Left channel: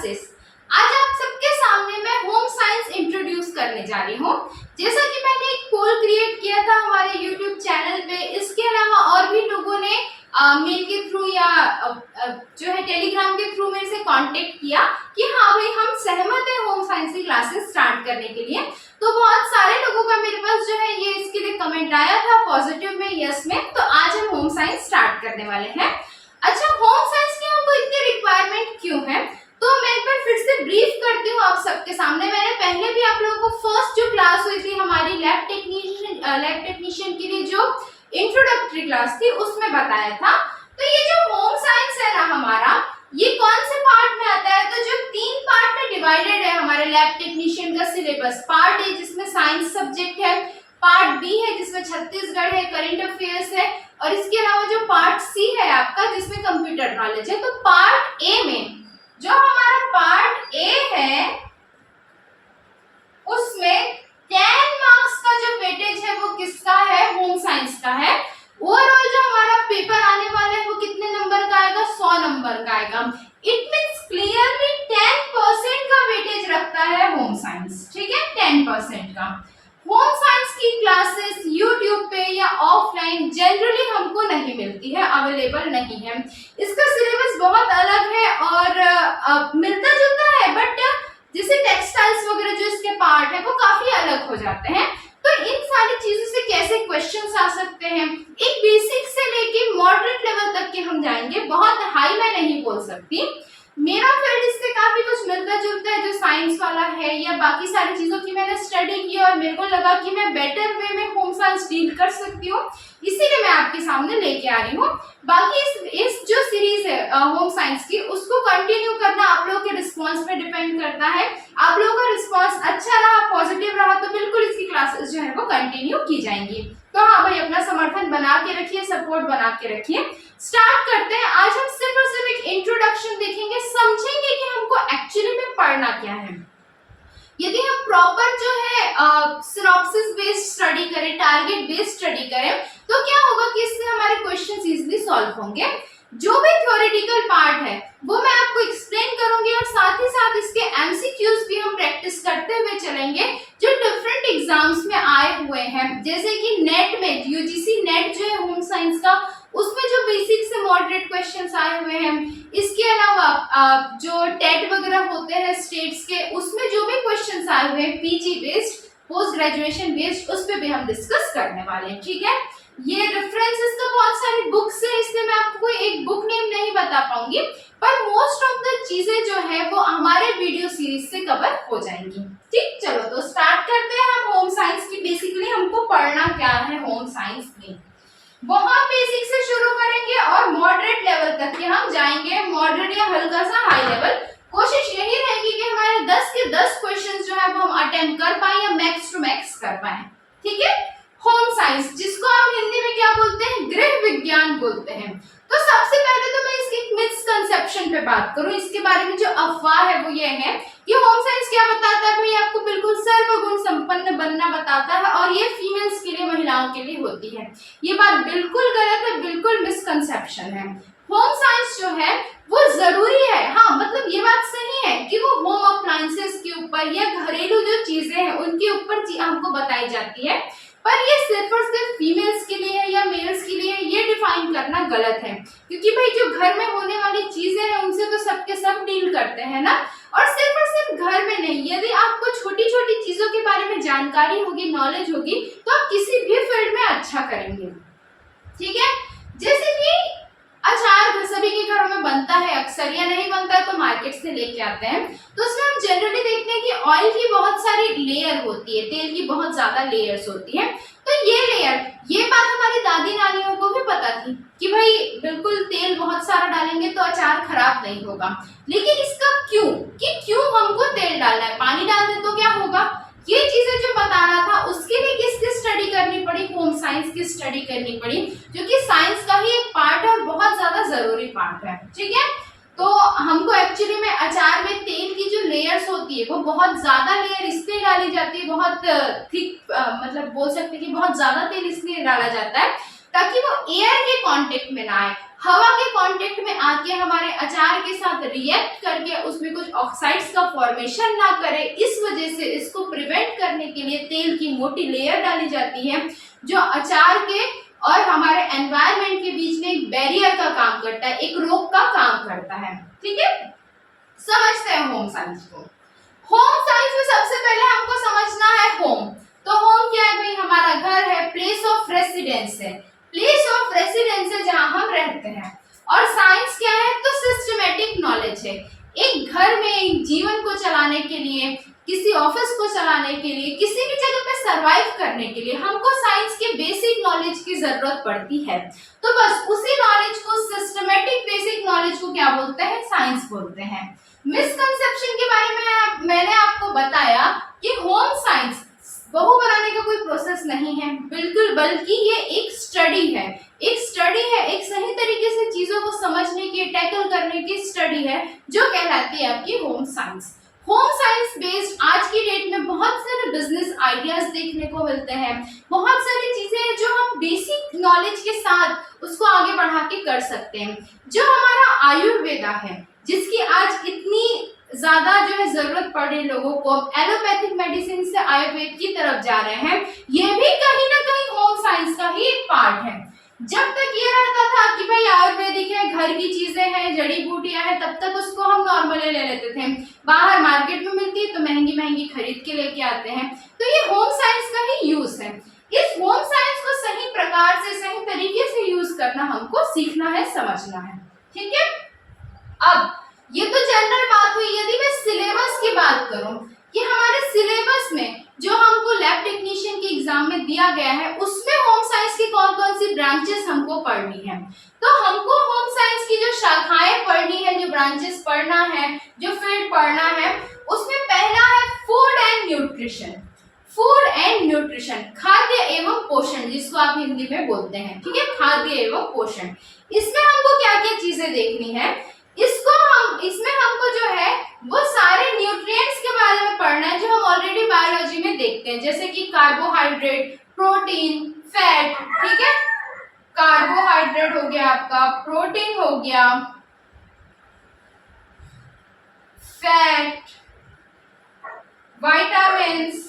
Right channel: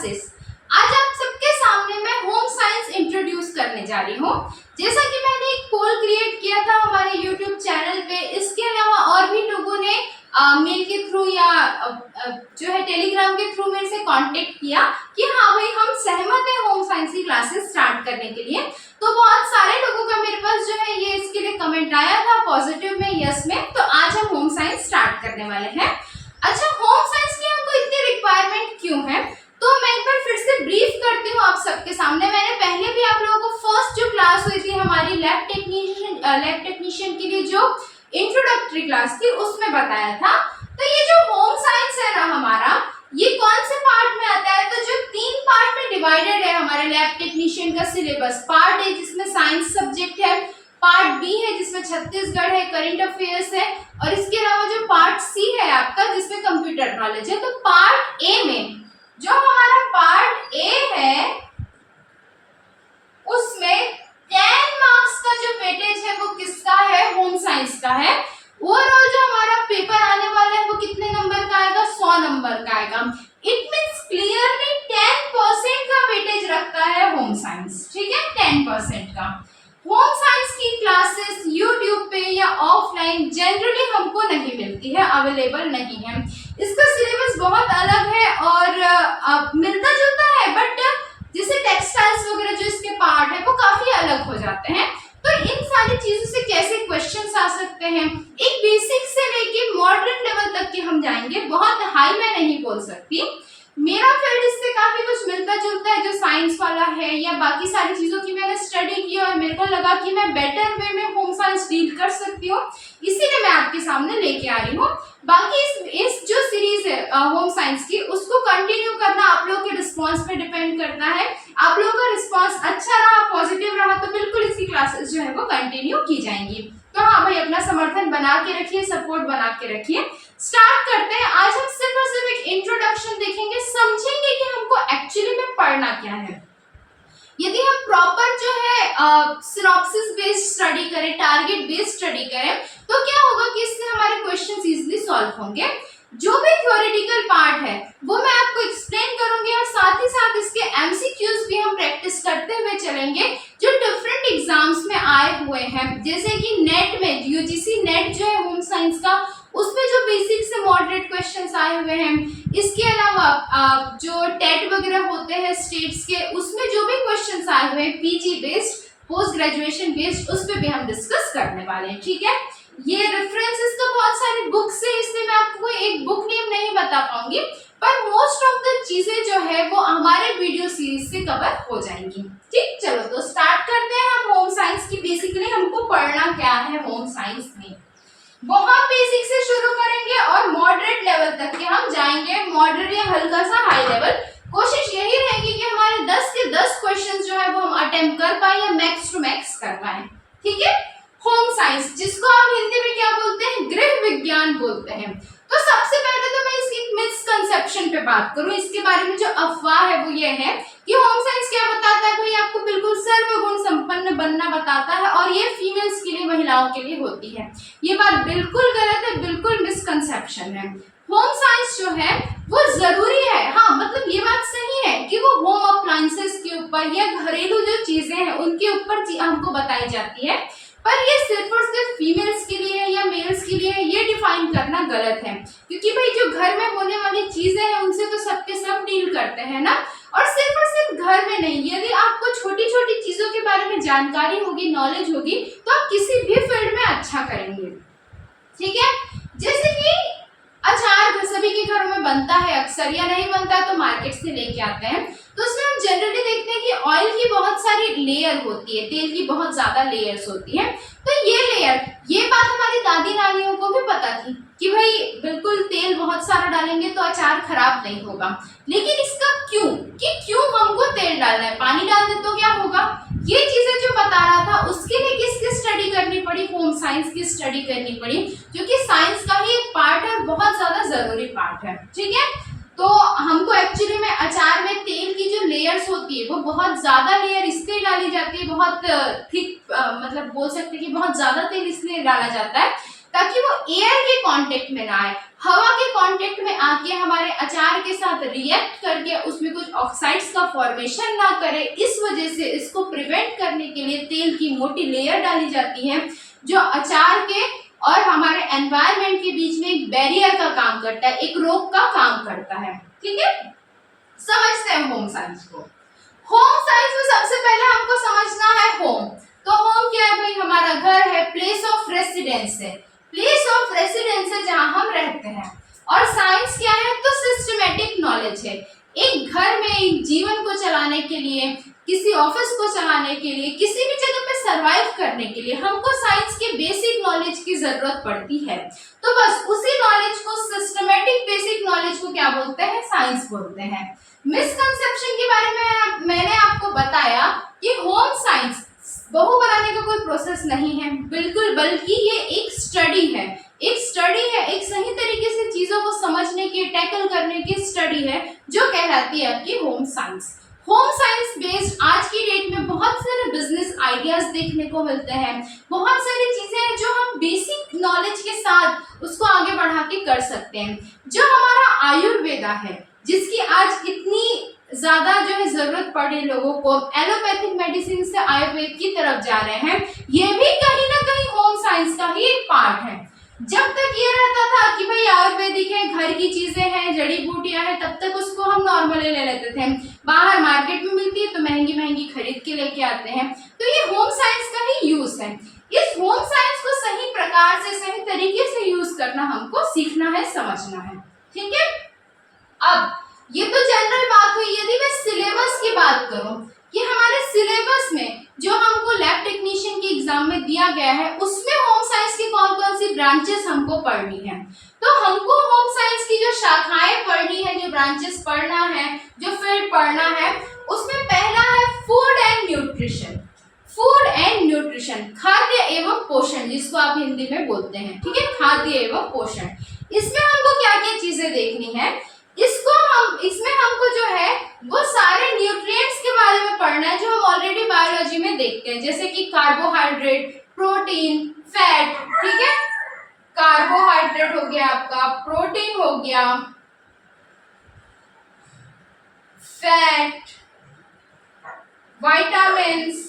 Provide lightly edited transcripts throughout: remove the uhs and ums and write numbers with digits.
Classes. आज आप सबके सामने मैं होम साइंस इंट्रोड्यूस करने जा रही हूँ। जैसा कि मैंने एक पोल क्रिएट किया था हमारे यूट्यूब चैनल पे, इसके अलावा और भी लोगों ने मेल के थ्रू या जो है टेलीग्राम के थ्रू मेरे से कांटेक्ट किया कि हाँ भाई हम सहमत है होम साइंस की क्लासेस स्टार्ट करने के लिए। तो बहुत सारे लोगों का मेरे पास जो है ये इसके लिए कमेंट आया था, पॉजिटिव में, यस में। तो आज हम होम साइंस स्टार्ट करने वाले हैं। अच्छा, होम साइंस की हमको इतनी रिक्वायरमेंट क्यों है, तो मैं एक बार फिर से ब्रीफ करती हूँ आप सबके सामने। मैंने पहले भी आप लोगों को फर्स्ट जो क्लास हुई थी हमारी लैब टेक्नीशियन के लिए जो इंट्रोडक्टरी क्लास थी उसमें बताया था। तो ये जो होम साइंस है ना हमारा, ये कौन से पार्ट में आता है, तो जो 3 पार्ट में डिवाइडेड है हमारे लैब टेक्नीशियन का सिलेबस। पार्ट ए जिसमें साइंस सब्जेक्ट है, पार्ट बी है जिसमें छत्तीसगढ़ है, करंट अफेयर्स है, और इसके अलावा जो पार्ट सी है आपका जिसमें कंप्यूटर नॉलेज है। तो पार्ट ए में जो हमारा पार्ट ए है उसमें 10 मार्क्स का जो वेटेज है वो किसका है, होम साइंस का है। ओवरऑल जो हमारा पेपर आने वाला है वो कितने नंबर का आएगा, 100 नंबर का आएगा। इट मींस क्लियरली 10% का वेटेज रखता है होम साइंस, ठीक है, 10% का। होम साइंस की क्लासेस यूट्यूब पे या ऑफलाइन जनरली हमको नहीं मिलती है, अवेलेबल नहीं है। इसका सिलेबस बहुत अलग है और मिलता जुलता है, बट जैसे टेक्सटाइल्स वगैरह जो इसके पार्ट है वो काफी अलग हो जाते हैं। तो इन सारी चीजों से कैसे क्वेश्चंस आ सकते हैं, एक बेसिक से लेके मॉडरेट लेवल तक के हम जाएंगे। बहुत हाई मैं नहीं बोल सकती, मेरा फील्ड इससे काफी कुछ मिलता जुलता है जो साइंस वाला है, या बाकी सारी चीजों की मैंने स्टडी की और मेरे को लगा कि मैं बेटर वे में होम साइंस डील कर सकती हूँ, इसीलिए मैं आपके सामने लेके आ रही हूँ। बाकी इस जो सीरीज है होम साइंस की, उसको कंटिन्यू करना आप लोगों के रिस्पॉन्स पे डिपेंड करता है। आप लोगों का रिस्पॉन्स अच्छा रहा, पॉजिटिव रहा, तो बिल्कुल इसकी क्लासेस जो है वो कंटिन्यू की जाएंगी। तो हाँ भाई, अपना समर्थन बना के रखिए, सपोर्ट बना के रखिए। स्टार्ट करते हैं। आज हम सिर्फ और सिर्फ एक इंट्रोडक्शन देखेंगे, समझेंगे कि हमको एक्चुअली में पढ़ना क्या है। यदि हम प्रॉपर जो है सिनॉप्सिस बेस्ड स्टडी करें, टारगेट बेस्ड स्टडी करें, तो क्या होगा कि इससे हमारे क्वेश्चंस इजीली सॉल्व होंगे। जो भी थ्योरेटिकल पार्ट है वो मैं आपको एक्सप्लेन करूंगी और साथ ही साथ इसके एमसीक्यूज भी हम प्रैक्टिस करते हुए चलेंगे जो डिफरेंट एग्जाम्स में आए हुए हैं। जैसे कि नेट में यूजीसी नेट जो है होम साइंस का, उसमें जो बेसिक से मॉडरेट क्वेश्चंस आए हुए हैं। इसके अलावा जो टेट वगैरह होते हैं स्टेट्स के, उसमें जो भी क्वेश्चंस आए हुए हैं PG based, post graduation based, उस पर भी हम डिस्कस करने वाले हैं, ठीक है। ये रेफरेंसेस तो बहुत सारी बुक्स है, इसलिए मैं आपको एक बुक नेम नहीं बता पाऊंगी, पर मोस्ट ऑफ द चीजें जो है वो हमारे वीडियो सीरीज से कवर हो जाएंगी। ठीक, चलो तो स्टार्ट करते हैं हम होम साइंस की। बेसिकली हमको पढ़ना क्या है होम साइंस में, बहुत बेसिक से शुरू करेंगे और मॉडरेट लेवल तक के हम जाएंगे। मॉडरेट या हल्का सा हाई लेवल, कोशिश यही रहेगी कि हमारे 10 के 10 क्वेश्चंस जो है वो हम अटेम्प्ट कर पाए या मैक्स टू मैक्स कर पाए, ठीक है। होम साइंस, जिसको हम हिंदी में क्या बोलते हैं, गृह विज्ञान बोलते हैं। तो सबसे पहले तो मैं इसकी मिसकंसेप्शन पे बात करूं, इसके बारे में जो अफवाह है वो ये है कि होम साइंस क्या बताता है भाई, आपको बिल्कुल सर्वगुण संपन्न बनना बताता है और ये फीमेल्स के लिए, महिलाओं के लिए होती है। ये बात बिल्कुल गलत है, बिल्कुल मिसकंसेप्शन है। होम साइंस जो है वो जरूरी है, हाँ मतलब ये बात सही है कि वो होम अप्लायंसेस के ऊपर या घरेलू जो चीजें हैं उनके ऊपर हमको बताई जाती है, पर ये सिर्फ और सिर्फ फीमेल्स के लिए है या मेल्स के लिए है, ये डिफाइन करना गलत है। क्योंकि भाई जो घर में होने वाली चीजें हैं उनसे तो सबके सब डील करते हैं ना, और सिर्फ घर में नहीं, यदि आपको छोटी छोटी चीजों के बारे में जानकारी होगी, नॉलेज होगी, तो आप किसी भी फील्ड में अच्छा करेंगे, ठीक है। जैसे कि अचार सभी के घरों में बनता है अक्सर, या नहीं बनता है तो मार्केट से लेके आते हैं, तो उसमें हम जनरली देखते हैं कि ऑयल की बहुत सारी लेयर होती है, तेल की बहुत ज्यादा लेयर्स होती है। तो ये बात हमारी दादी नानियों को भी पता थी कि भाई बिल्कुल तेल बहुत सारा डालेंगे तो अचार खराब नहीं होगा, लेकिन इसका क्यों हमको तेल डालना है, पानी डाल दे तो क्या होगा, ये चीजें जो बता रहा था उसके लिए किसकी स्टडी करनी पड़ी, होम साइंस की स्टडी करनी पड़ी, जो कि साइंस का ही एक पार्ट है और बहुत ज्यादा जरूरी पार्ट है, ठीक है। तो हमको एक्चुअली में अचार में तेल की जो लेयर्स होती है वो बहुत ज्यादा लेयर इसलिए डाली जाती है, बहुत थिक, मतलब बोल सकते हैं कि बहुत ज्यादा तेल इसलिए डाला जाता है ताकि वो एयर के कांटेक्ट में ना आए, हवा के कांटेक्ट में आके हमारे अचार के साथ रिएक्ट करके उसमें कुछ ऑक्साइड्स का फॉर्मेशन ना करे, इस वजह से इसको प्रिवेंट करने के लिए तेल की मोटी लेयर डाली जाती है जो अचार के और हमारे एनवायरनमेंट के बीच में एक बैरियर का काम करता है, एक रोक का काम करता है। ठीक है, समझते हैं होम साइंस को। होम साइंस में सबसे पहले हमको समझना है होम। तो होम क्या है भाई? हमारा घर है, प्लेस ऑफ रेसिडेंस है, प्लेस ऑफ रेसिडेंस है जहां हम रहते हैं। और साइंस क्या है? तो सिस्टमेटिक नॉलेज है। एक घर में एक जीवन को चलाने के लिए, किसी ऑफिस को चलाने के लिए, किसी भी जगह पे सरवाइव करने के लिए हमको साइंस के बेसिक नॉलेज की जरूरत पड़ती है। तो बस उसी नॉलेज को, सिस्टमेटिक बेसिक नॉलेज को क्या बोलते हैं? साइंस बोलते हैं। मिसकंसेप्शन के बारे में मैंने आपको बताया कि होम साइंस बहू बनाने का कोई प्रोसेस नहीं है, बिल्कुल, बल्कि ये एक स्टडी है, एक स्टडी है, एक सही तरीके से चीजों को समझने की, टैकल करने की स्टडी है जो कहलाती है आपकी home science. Home science based आज की डेट में बहुत सारे बिजनेस आइडियाज देखने को मिलते हैं, बहुत सारी चीजें हैं जो हम बेसिक नॉलेज के साथ उसको आगे बढ़ा के कर सकते हैं। जो हमारा आयुर्वेदा है, जिसकी आज इतनी ज्यादा जो है जरूरत पड़ रही लोगों को, एलोपैथिक मेडिसिन से आयुर्वेद की तरफ जा रहे हैं, ये भी कहीं ना कहीं होम साइंस का ही एक पार्ट है। जब तक ये रहता था कि भाई आयुर्वेदिक है, घर की चीजें हैं, जड़ी बूटियां हैं, तब तक उसको हम नॉर्मली ले लेते थे। बाहर मार्केट में मिलती है तो महंगी महंगी खरीद के लेके आते हैं। तो ये होम साइंस का ही यूज है। इस होम साइंस को सही प्रकार से, सही तरीके से यूज करना हमको सीखना है, समझना है। ठीक है, अब ये तो जनरल बात हुई। यदि मैं सिलेबस की बात करूं कि हमारे सिलेबस में जो हमको लैब टेक्नीशियन के एग्जाम में दिया गया है, उसमें होम साइंस की कौन कौन सी ब्रांचेस हमको पढ़नी है, तो हमको होम साइंस की जो शाखाएं पढ़नी है, जो ब्रांचेस पढ़ना है, जो फील्ड पढ़ना है, उसमें पहला है food and nutrition. Food and nutrition, खाद्य एवं पोषण, जिसको आप हिंदी में बोलते हैं। ठीक है, खाद्य एवं पोषण। इसमें हमको क्या क्या चीजें देखनी है? इसमें हमको जो है वो सारे न्यूट्रिएंट्स के बारे में पढ़ना है जो हम ऑलरेडी बायोलॉजी में देखते हैं, जैसे कि कार्बोहाइड्रेट, प्रोटीन, फैट। ठीक है, कार्बोहाइड्रेट हो गया आपका, प्रोटीन हो गया, फैट, विटामिन्स,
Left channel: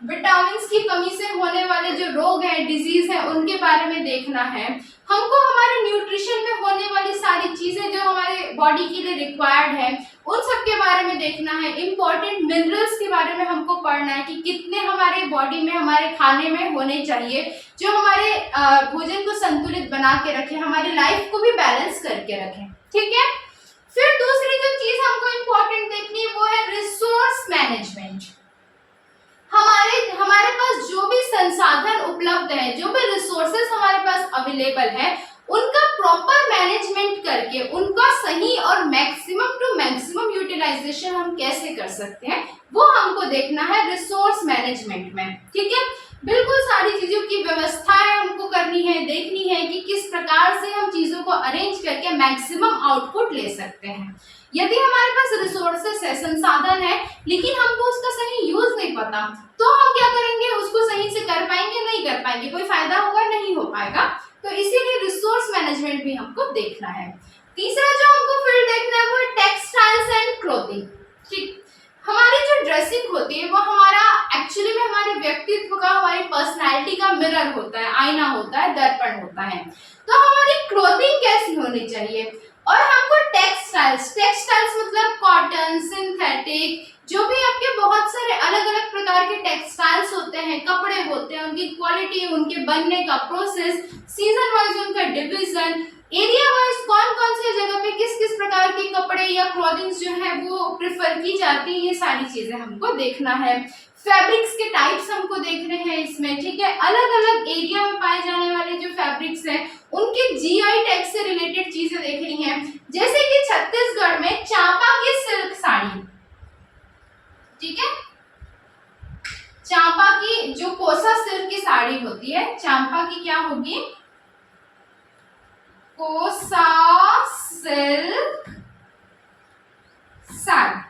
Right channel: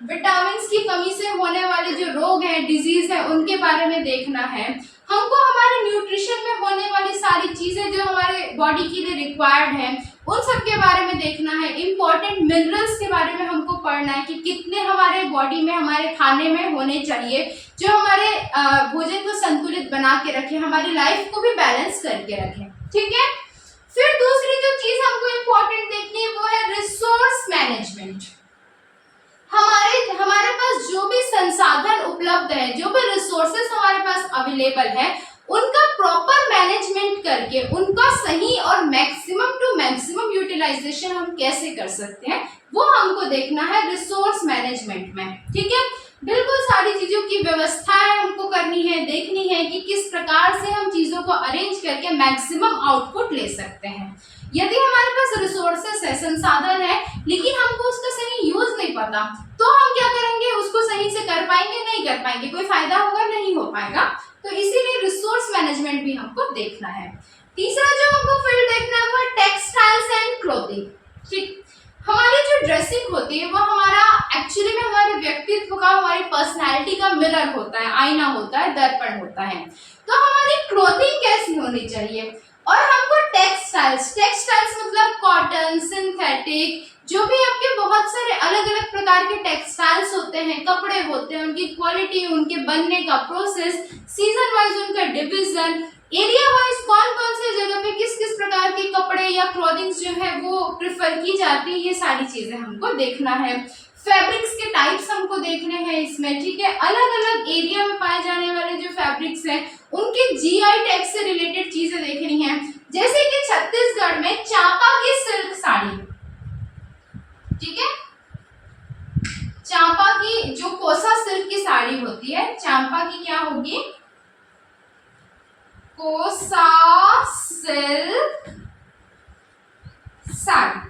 विटामिन्स की कमी से होने वाले जो रोग हैं, डिजीज है, उनके बारे में देखना है। हमको हमारे न्यूट्रिशन में होने वाली सारी चीजें जो हमारे बॉडी के लिए रिक्वायर्ड है, उन सब के बारे में देखना है। इंपॉर्टेंट मिनरल्स के बारे में हमको पढ़ना है कि कितने हमारे बॉडी में, हमारे खाने में होने चाहिए, जो हमारे भोजन को संतुलित बना के रखे, हमारी लाइफ को भी बैलेंस करके रखे। ठीक है, फिर दूसरी जो चीज हमको इम्पोर्टेंट देखनी है वो है रिसोर्स मैनेजमेंट। हमारे पास जो भी संसाधन उपलब्ध है, जो भी रिसोर्सेस हमारे पास अवेलेबल है, उनका प्रॉपर मैनेजमेंट करके उनका सही और मैक्सिमम टू मैक्सिमम यूटिलाइजेशन हम कैसे कर सकते हैं, वो हमको देखना है रिसोर्स मैनेजमेंट में। ठीक है, बिल्कुल सारी चीजों की व्यवस्थाएं हमको करनी है, देखनी है कि किस प्रकार से हम चीजों को अरेंज करके मैक्सिमम आउटपुट ले सकते हैं। यदि हमारे पास रिसोर्सेस है, संसाधन है, लेकिन हमको उसका सही यूज नहीं पता, तो हम क्या करेंगे? उसको सही से कर पाएंगे? नहीं कर पाएंगे, कोई फायदा होगा? नहीं हो पाएगा। तो इसीलिए रिसोर्स मैनेजमेंट भी हमको देखना है। तीसरा जो हमको फील्ड देखना है वो टेक्सटाइल्स एंड क्लोथिंग। ठीक, हमारी जो ड्रेसिंग होती है वो हमारा एक्चुअली में हमारे व्यक्तित्व का, हमारी पर्सनैलिटी का मिरर होता है, आईना होता है, दर्पण होता है। तो हमारी क्लोथिंग कैसी होनी चाहिए? और हमको टेक्सटाइल्स मतलब कॉटन, सिंथेटिक, जो भी आपके बहुत सारे अलग अलग प्रकार के टेक्सटाइल्स होते हैं, कपड़े होते हैं, उनकी क्वालिटी, उनके बनने का प्रोसेस, सीजन वाइज उनका डिवीजन, एरिया वाइज कौन कौन से जगह पे किस किस प्रकार के कपड़े या क्लॉथिंग्स जो है वो प्रिफर की जाती है, ये सारी चीजें हमको देखना है। फैब्रिक्स के टाइप्स हमको देखने हैं इसमें। ठीक है, अलग अलग एरिया में पाए जाने वाले जो फैब्रिक्स हैं उनके जीआई टैग से रिलेटेड चीजें देखनी है, जैसे कि छत्तीसगढ़ में चांपा की सिल्क साड़ी। ठीक है, चांपा की जो कोसा सिल्क की साड़ी होती है, चांपा की क्या होगी? कोसा सिल्क साड़ी।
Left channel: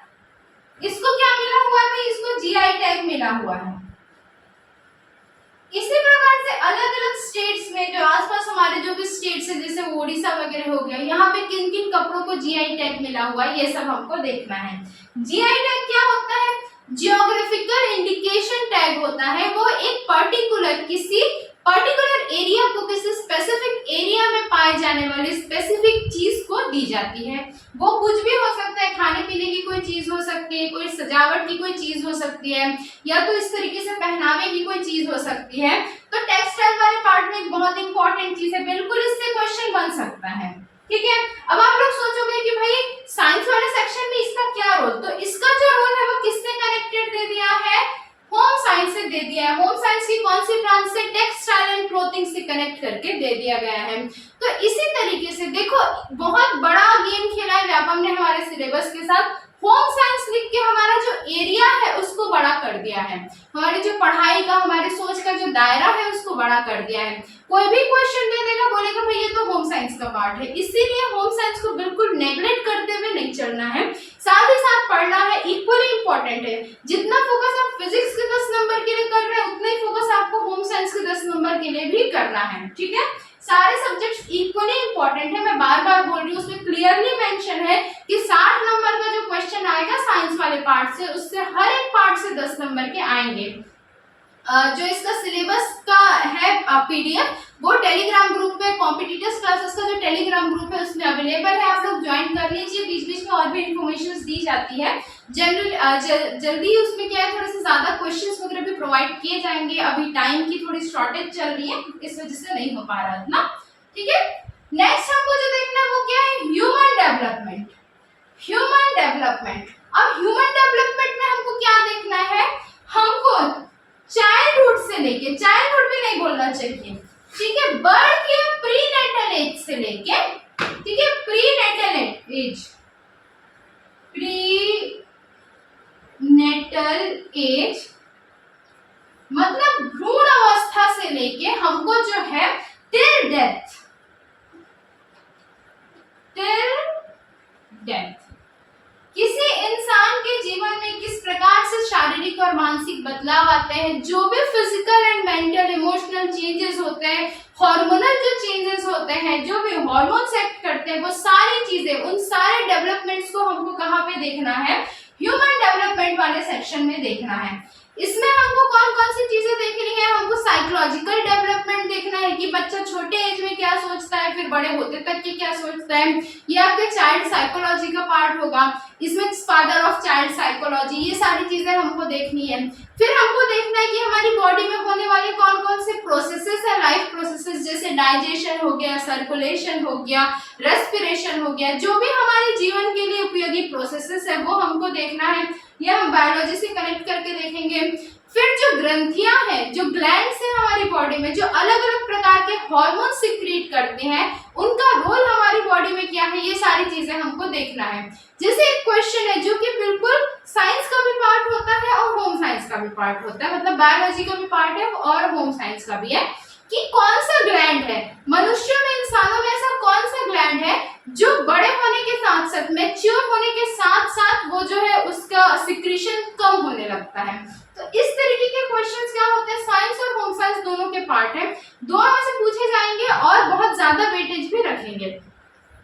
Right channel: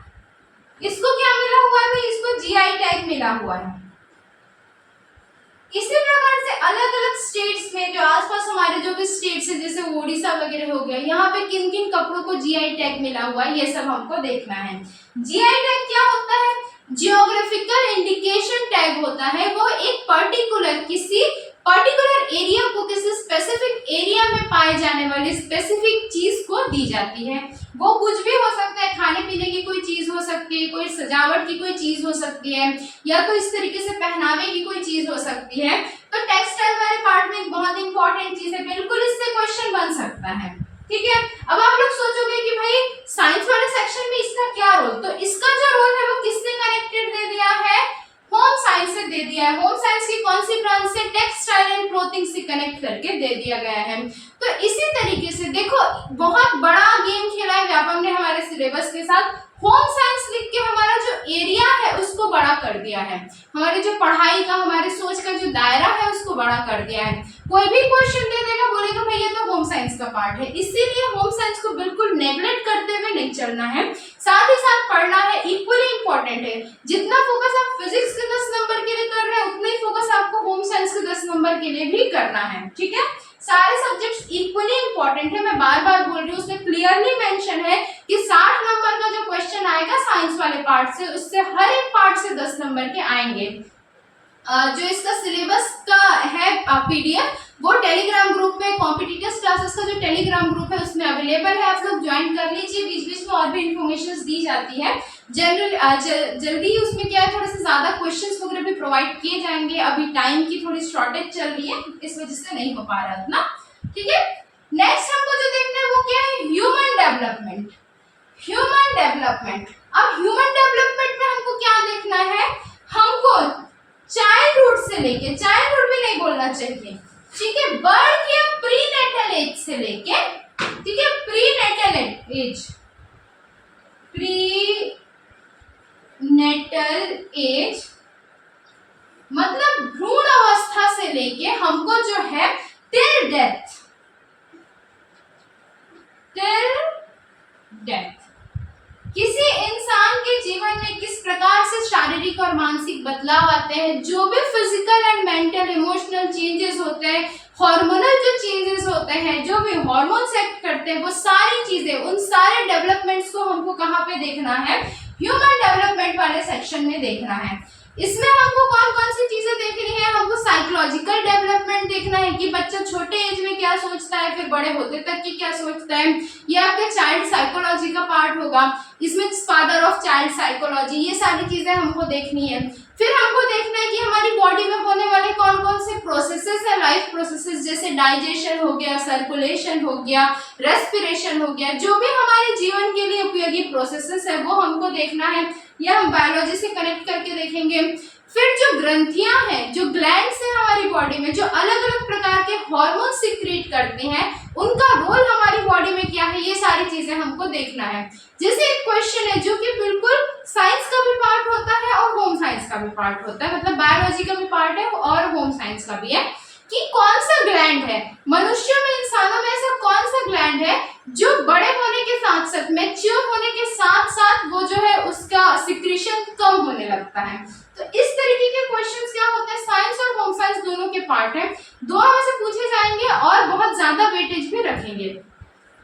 इसको क्या मिला हुआ है? इसको जीआई टैग मिला हुआ है। इसी प्रकार से अलग अलग स्टेट्स में, जो आसपास हमारे जो भी स्टेट स्टेट्स है जैसे ओडिशा वगैरह हो गया, यहाँ पे किन किन कपड़ों को जीआई टैग मिला हुआ है ये सब हमको देखना है। जीआई टैग क्या होता है? जियोग्राफिकल इंडिकेशन टैग होता है, वो एक पर्टिकुलर किसी पर्टिकुलर एरिया को, किसी स्पेसिफिक एरिया में पाए जाने वाली स्पेसिफिक चीज को दी जाती है। वो कुछ भी हो सकता है, खाने पीने की कोई चीज हो सकती है, कोई सजावट की कोई चीज हो सकती है, या तो इस तरीके से पहनावे की कोई चीज हो सकती है। तो टेक्सटाइल वाले पार्ट में एक बहुत इंपॉर्टेंट चीज है, बिल्कुल इससे क्वेश्चन बन सकता है। ठीक है, अब आप लोग सोचोगे कि भाई साइंस वाले सेक्शन में इसका क्या रोल, तो इसका जो रोल है वो किससे कनेक्टेड दे दिया है? होम साइंस से दे दिया है। होम साइंस की कौन सी ब्रांच से? टेक्सटाइल एंड क्लोथिंग से कनेक्ट करके दे दिया गया है। तो इसी तरीके से देखो बहुत बड़ा गेम खेला है व्यापम ने हमारे सिलेबस के साथ। होम साइंस लिख के हमारा जो एरिया है उसको बड़ा कर दिया है, हमारी जो पढ़ाई का, हमारे सोच का जो दायरा है उसको बड़ा कर दिया है। कोई भी क्वेश्चन दे देगा, बोलेगा भाई ये तो होम साइंस का पार्ट है, इसीलिए होम साइंस को बिल्कुल नेग्लेक्ट करते हुए नहीं चलना है, साथ ही साथ पढ़ना है, इक्वली इंपॉर्टेंट है। जितना फोकस आप फिजिक्स के 10 नंबर के लिए कर रहे हैं उतना ही फोकस आपको होम साइंस के 10 नंबर के लिए भी करना है। ठीक है, सारे सब्जेक्ट्स इक्वली इंपॉर्टेंट है, मैं बार बार बोल रही हूँ, उसमें क्लियरली मेंशन है कि 60 नंबर का जो क्वेश्चन आएगा साइंस वाले पार्ट से, उससे हर एक पार्ट से 10 नंबर के आएंगे। जो इसका सिलेबस का है पीडीएफ वो टेलीग्राम ग्रुप पे, कॉम्पिटिटिव क्लासेस का जो टेलीग्राम ग्रुप है उसमें अवेलेबल है, आप लोग ज्वाइन कर लीजिए। बीच बीच में और भी इंफॉर्मेशन दी जाती है, जनरल जल्दी उसमें क्या है, थोड़े से ज्यादा क्वेश्चंस वगैरह भी प्रोवाइड किए जाएंगे। अभी टाइम की थोड़ी शॉर्टेज चल रही है, इस वजह से नहीं हो पा रहा इतना। ठीक है, नेक्स्ट हमको जो देखना है वो क्या है? Human development. ह्यूमन डेवलपमेंट, अब ह्यूमन डेवलपमेंट में हमको क्या देखना है? हमको चाइल्डहुड से लेके, चाइल्डहुड भी नहीं बोलना चाहिए, ठीक है, बर्थ या प्रीनेटल एज से लेके, ठीक है, प्रीनेटल एज, प्रीनेटल एज मतलब भ्रूण अवस्था से लेके हमको जो है टिल डेथ, टिल डेथ किसी इंसान के जीवन में किस प्रकार से शारीरिक और मानसिक बदलाव आते हैं, जो भी physical and mental emotional changes होते हैं, हार्मोनल जो चेंजेस होते हैं, जो भी हार्मोन्स एक्ट करते हैं, वो सारी चीजें, उन सारे डेवलपमेंट्स को हमको कहाँ पे देखना है? ह्यूमन डेवलपमेंट वाले सेक्शन में देखना है। इसमें हमको कौन कौन सी चीजें देखनी है? हमको साइकोलॉजिकल डेवलपमेंट देखना है कि बच्चा छोटे एज में क्या सोचता है, फिर बड़े होते तक की क्या सोचता है, ये आपके चाइल्ड साइकोलॉजी का पार्ट होगा। इसमें फादर ऑफ चाइल्ड साइकोलॉजी, ये सारी चीजें हमको देखनी है। फिर हमको देखना है कि हमारी बॉडी में होने वाले कौन कौन से प्रोसेसेस है, लाइफ प्रोसेसेस, जैसे डाइजेशन हो गया, सर्कुलेशन हो गया, रेस्पिरेशन हो गया, जो भी हमारे जीवन के लिए उपयोगी प्रोसेसेस है वो हमको देखना है। यह हम बायोलॉजी से कनेक्ट करके देखेंगे। फिर जो ग्रंथियां हैं, जो ग्लैंड्स हैं हमारी बॉडी में, जो अलग अलग प्रकार के हार्मोन सिक्रीट करते हैं, उनका रोल हमारी बॉडी में क्या है, ये सारी चीजें हमको देखना है। जैसे एक क्वेश्चन है जो कि बिल्कुल साइंस का भी पार्ट होता है और होम साइंस का भी पार्ट होता है, मतलब बायोलॉजी का भी पार्ट है और होम साइंस का भी है, कि कौन सा ग्लैंड है मनुष्यों में, इंसानों में ऐसा कौन सा ग्लैंड है जो बड़े होने के साथ साथ, मैच्योर होने के साथ साथ वो जो है उसका सिक्रीशन कम होने लगता है। तो इस तरीके के क्वेश्चंस क्या होते हैं, साइंस और होम साइंस दोनों के पार्ट है, दोनों में से पूछे जाएंगे और बहुत ज्यादा वेटेज भी रखेंगे।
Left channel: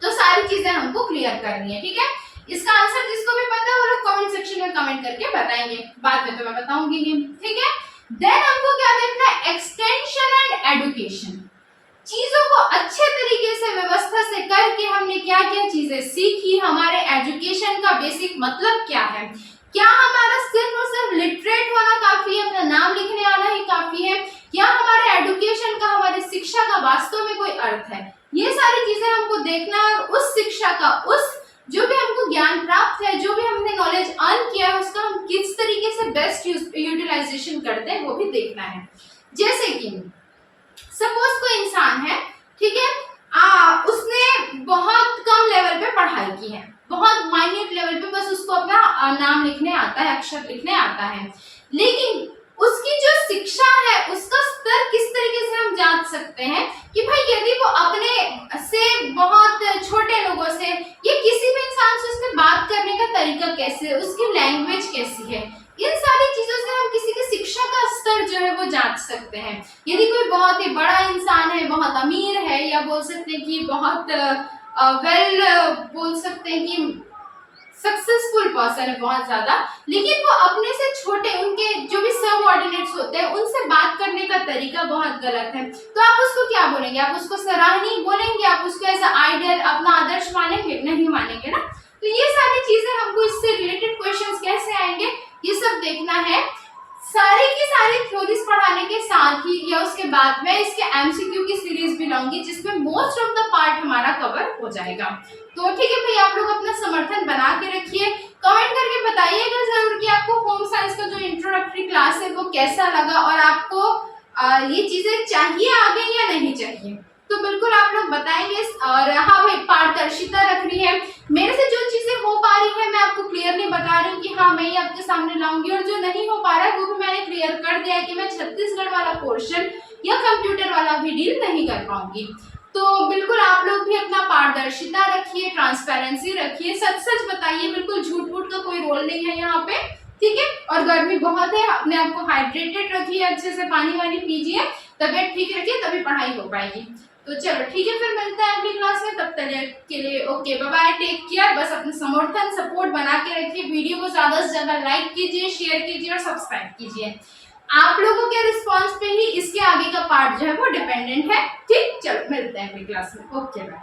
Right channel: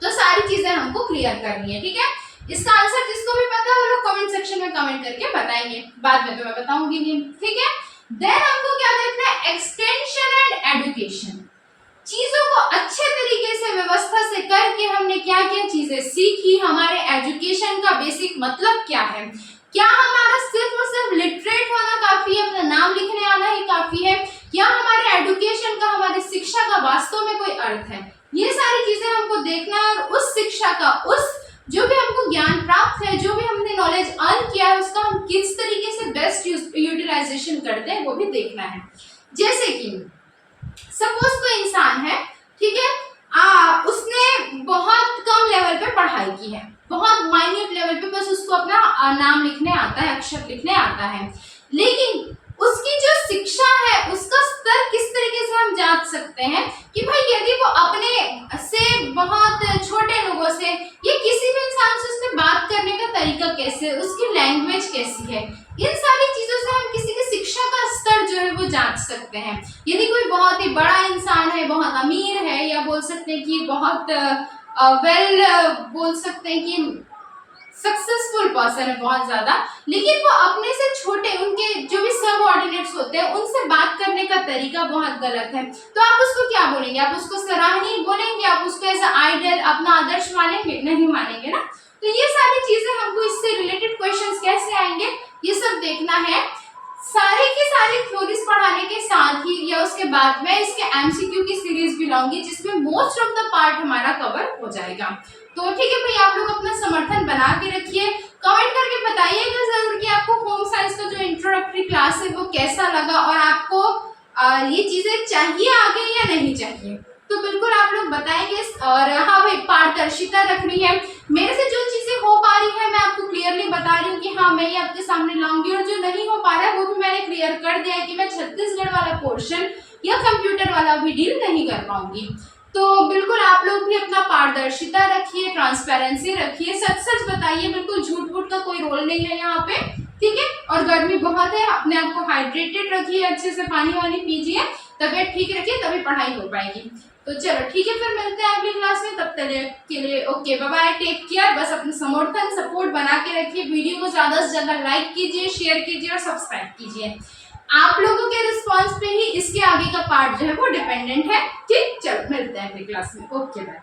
तो सारी चीजें हमको क्लियर करनी है। ठीक है, इसका आंसर जिसको भी पता है वो लोग कमेंट सेक्शन में कमेंट करके बताएंगे, बाद में तो मैं बताऊंगी नहीं। ठीक है, देन हमको क्या देखना है? Extension and education. चीजों को अच्छे तरीके से व्यवस्था से करके हमने क्या क्या चीजें सीखी, हमारे एजुकेशन का बेसिक मतलब क्या है, क्या हमारा सिर्फ और सिर्फ लिटरेट होना काफी है, अपना नाम लिखने आना ही काफी है, या हमारे एजुकेशन का, हमारी शिक्षा का वास्तव में कोई अर्थ है, ये सारी चीजें हमको देखना है। और उस शिक्षा का, उस जो भी हमको ज्ञान प्राप्त है, जो भी हमने नॉलेज अर्न किया है, उसका हम किस तरीके से बेस्ट यूटिलाइजेशन करते हैं वो भी देखना है। जैसे कि सपोज कोई इंसान है, ठीक है, उसने बहुत कम लेवल पे पढ़ाई की है, बहुत माइन्यूट लेवल पे बस उसको अपना नाम लिखने आता है, अक्षर लिखने आता है, लेकिन उसकी जो शिक्षा है उसका स्तर किस तरीके से हम जांच सकते हैं कि भाई यदि वो अपने से बहुत छोटे लोगों से या किसी भी इंसान से उससे बात करने का तरीका कैसे, उसकी लैंग्वेज कैसी है, इन सारी चीजों से हम किसी की शिक्षा का स्तर जो है वो जांच सकते हैं। यदि कोई बहुत ही बड़ा इंसान है, बहुत अमीर है, या बोल सकते हैं कि बहुत बोल सकते हैं कि सक्सेसफुल पर्सन है बहुत ज्यादा, लेकिन वो अपने से छोटे उनके जो भी सबऑर्डिनेट्स होते हैं उनसे बात करने का तरीका बहुत गलत है, तो आप उसको क्या बोलेंगे? आप उसको सराहनीय बोलेंगे? आप उसको ऐसा आइडल, अपना आदर्श मानेंगे? नहीं मानेंगे ना। तो ये सारी चीजें हमको इससे रिलेटेड क्वेश्चंस कैसे आएंगे, ये सब देखना है। सारी की सारी थ्योरीज पढ़ाने के साथ ही या उसके बाद मैं इसके एमसीक्यू की सीरीज भी लाऊंगी, जिसमें मोस्ट ऑफ द पार्ट हमारा कवर हो जाएगा। तो ठीक है भाई, आप लोग अपना समर्थन बना के रखिए, कमेंट करके बताइएगा जरूर कि आपको होम साइंस का जो इंट्रोडक्टरी क्लास है वो कैसा लगा, और आपको ये चीजें चाहिए आगे या नहीं चाहिए, तो बिल्कुल आप लोग बताएंगे। और हाँ भाई, पारदर्शिता रखनी है, मेरे से जो चीजें हो पा रही है मैं आपको क्लियरली बता रही हूँ कि हाँ मैं ये आपके सामने लाऊंगी, और जो नहीं हो पा रहा है वो भी मैंने क्लियर कर दिया है कि मैं छत्तीसगढ़ वाला पोर्शन या कंप्यूटर वाला भी डील नहीं कर पाऊंगी। तो बिल्कुल आप लोग भी अपना पारदर्शिता रखिए, ट्रांसपेरेंसी रखिए, सच सच बताइए, बिल्कुल झूठ मूठ का कोई रोल नहीं है यहाँ पे, ठीक है। और गर्मी बहुत है, अपने आप को हाइड्रेटेड रखिए, अच्छे से पानी वानी पीजिए, तबियत ठीक रखिए, तभी पढ़ाई हो पाएगी। तो चलो ठीक है, फिर मिलते हैं अगली क्लास में, तब तक के लिए okay bye bye, take care. बस अपना समर्थन सपोर्ट बना के रखिए, वीडियो को ज्यादा से ज्यादा लाइक कीजिए, शेयर कीजिए और सब्सक्राइब कीजिए। आप लोगों के रिस्पांस पे ही इसके आगे का पार्ट जो है वो डिपेंडेंट है, ठीक। चलो मिलते हैं अगली क्लास में, ओके बाय।